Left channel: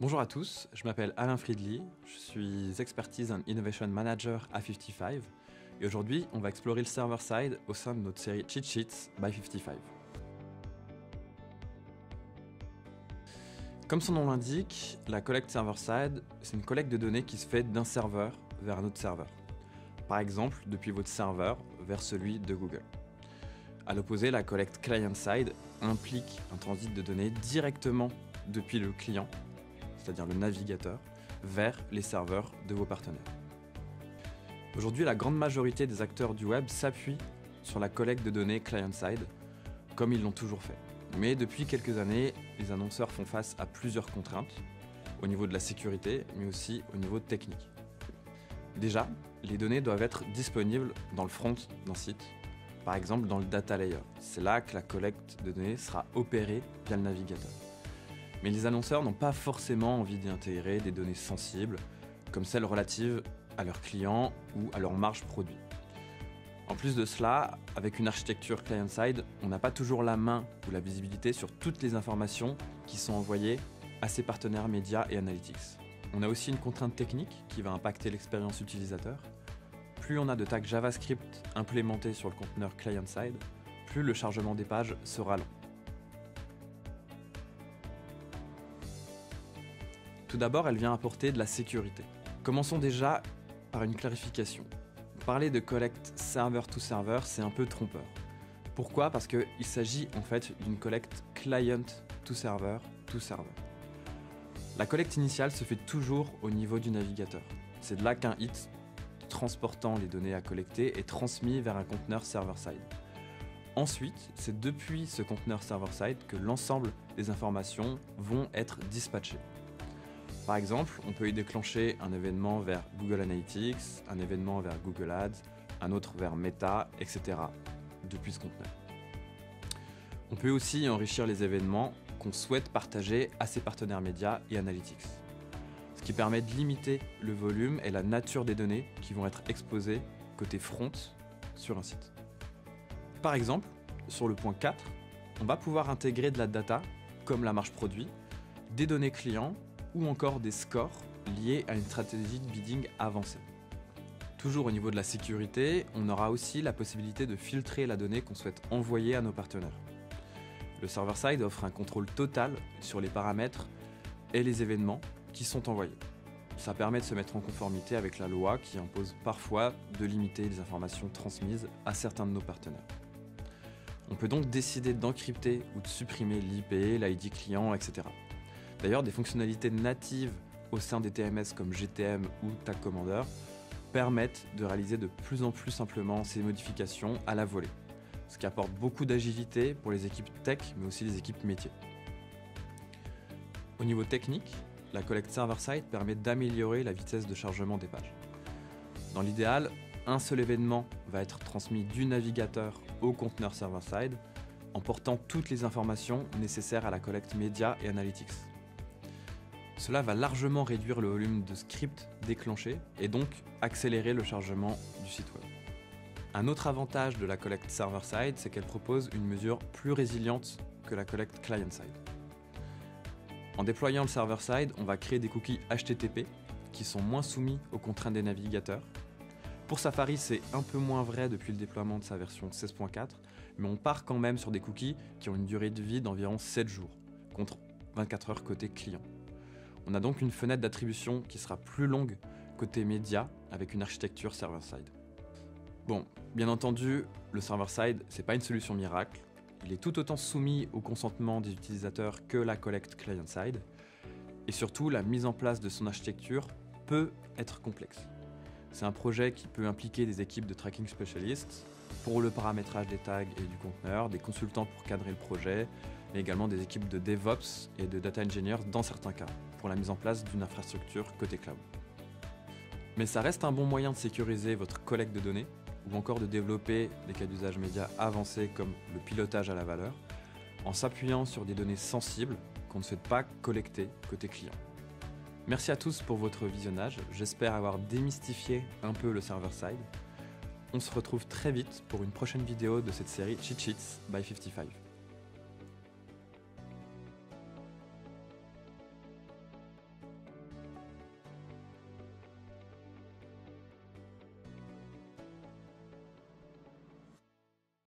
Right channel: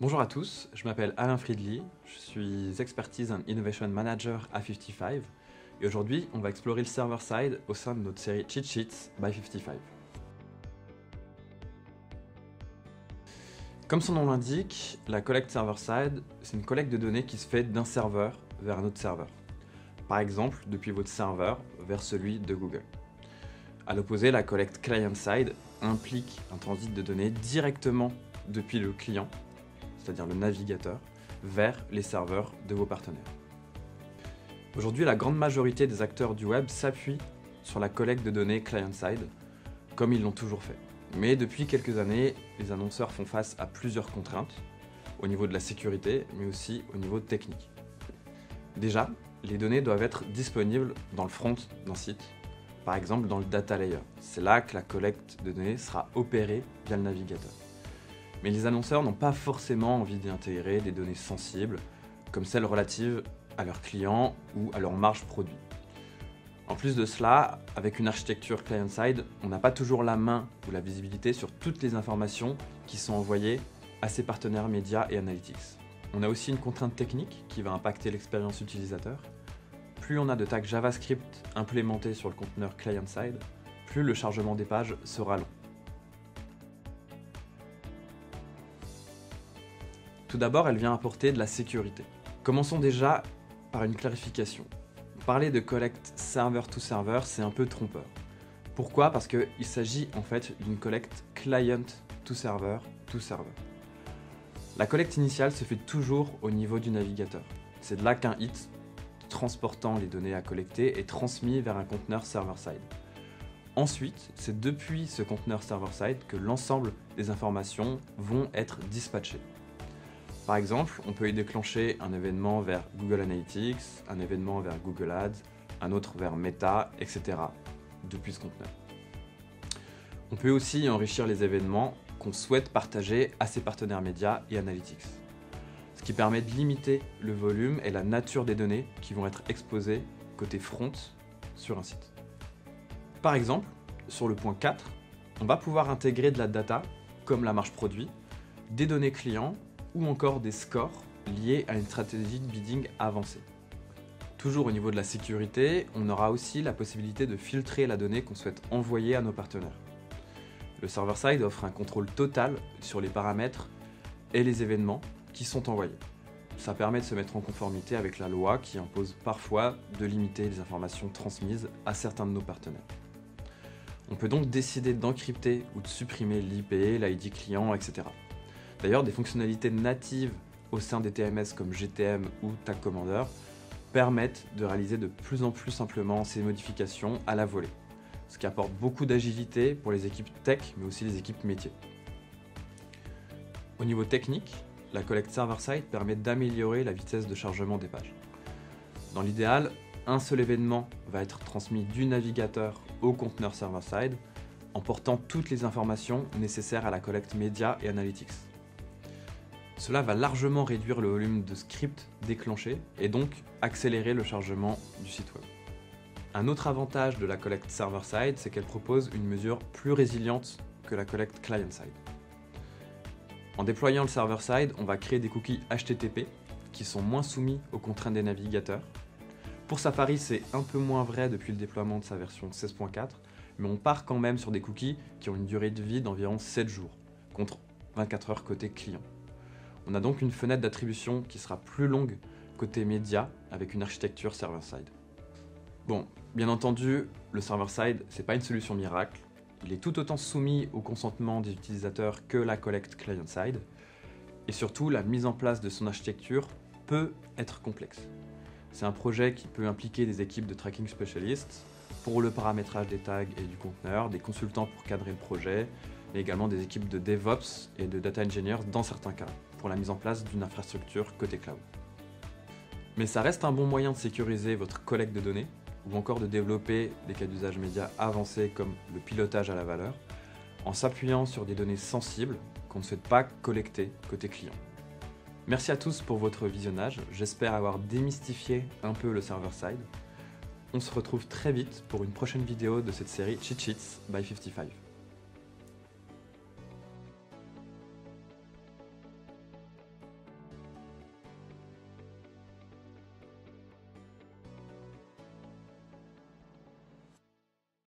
Bonjour à tous, je m'appelle Alain Friedli, je suis Expertise and Innovation Manager à 55 et aujourd'hui on va explorer le server-side au sein de notre série Cheat Sheets by 55. Comme son nom l'indique, la collecte server-side, c'est une collecte de données qui se fait d'un serveur vers un autre serveur. Par exemple, depuis votre serveur vers celui de Google. À l'opposé, la collecte client-side implique un transit de données directement depuis le client, c'est-à-dire le navigateur, vers les serveurs de vos partenaires. Aujourd'hui, la grande majorité des acteurs du web s'appuient sur la collecte de données client-side, comme ils l'ont toujours fait. Mais depuis quelques années, les annonceurs font face à plusieurs contraintes, au niveau de la sécurité, mais aussi au niveau technique. Déjà, les données doivent être disponibles dans le front d'un site, par exemple dans le data layer. C'est là que la collecte de données sera opérée via le navigateur. Mais les annonceurs n'ont pas forcément envie d'y intégrer des données sensibles, comme celles relatives à leurs clients ou à leur marge produit. En plus de cela, avec une architecture client-side, on n'a pas toujours la main ou la visibilité sur toutes les informations qui sont envoyées à ses partenaires médias et analytics. On a aussi une contrainte technique qui va impacter l'expérience utilisateur. Plus on a de tags JavaScript implémentés sur le conteneur client-side, plus le chargement des pages sera long. Tout d'abord, elle vient apporter de la sécurité. Commençons déjà par une clarification. Parler de collecte server-to-server, c'est un peu trompeur. Pourquoi ? Parce qu'il s'agit en fait d'une collecte client-to-server-to-server. La collecte initiale se fait toujours au niveau du navigateur. C'est de là qu'un hit transportant les données à collecter est transmis vers un conteneur server-side. Ensuite, c'est depuis ce conteneur server-side que l'ensemble des informations vont être dispatchées. Par exemple, on peut y déclencher un événement vers Google Analytics, un événement vers Google Ads, un autre vers Meta, etc. depuis ce conteneur. On peut aussi enrichir les événements qu'on souhaite partager à ses partenaires médias et analytics, ce qui permet de limiter le volume et la nature des données qui vont être exposées côté front sur un site. Par exemple, sur le point 4, on va pouvoir intégrer de la data, comme la marge produit, des données clients ou encore des scores liés à une stratégie de bidding avancée. Toujours au niveau de la sécurité, on aura aussi la possibilité de filtrer la donnée qu'on souhaite envoyer à nos partenaires. Le server-side offre un contrôle total sur les paramètres et les événements qui sont envoyés. Ça permet de se mettre en conformité avec la loi qui impose parfois de limiter les informations transmises à certains de nos partenaires. On peut donc décider d'encrypter ou de supprimer l'IP, l'ID client, etc. D'ailleurs, des fonctionnalités natives au sein des TMS comme GTM ou Tag Commander permettent de réaliser de plus en plus simplement ces modifications à la volée, ce qui apporte beaucoup d'agilité pour les équipes tech, mais aussi les équipes métiers. Au niveau technique, la collecte server-side permet d'améliorer la vitesse de chargement des pages. Dans l'idéal, un seul événement va être transmis du navigateur au conteneur server-side, en portant toutes les informations nécessaires à la collecte média et analytics. Cela va largement réduire le volume de scripts déclenchés et donc accélérer le chargement du site web. Un autre avantage de la collecte server-side, c'est qu'elle propose une mesure plus résiliente que la collecte client-side. En déployant le server-side, on va créer des cookies HTTP qui sont moins soumis aux contraintes des navigateurs. Pour Safari, c'est un peu moins vrai depuis le déploiement de sa version 16.4, mais on part quand même sur des cookies qui ont une durée de vie d'environ 7 jours, contre 24 heures côté client. On a donc une fenêtre d'attribution qui sera plus longue côté média avec une architecture server-side. Bon, bien entendu, le server-side, c'est pas une solution miracle. Il est tout autant soumis au consentement des utilisateurs que la collecte client-side. Et surtout, la mise en place de son architecture peut être complexe. C'est un projet qui peut impliquer des équipes de tracking spécialistes pour le paramétrage des tags et du conteneur, des consultants pour cadrer le projet, mais également des équipes de DevOps et de Data Engineers dans certains cas, pour la mise en place d'une infrastructure côté cloud. Mais ça reste un bon moyen de sécuriser votre collecte de données ou encore de développer des cas d'usage médias avancés comme le pilotage à la valeur en s'appuyant sur des données sensibles qu'on ne souhaite pas collecter côté client. Merci à tous pour votre visionnage, j'espère avoir démystifié un peu le server-side. On se retrouve très vite pour une prochaine vidéo de cette série Cheat Sheets by 55.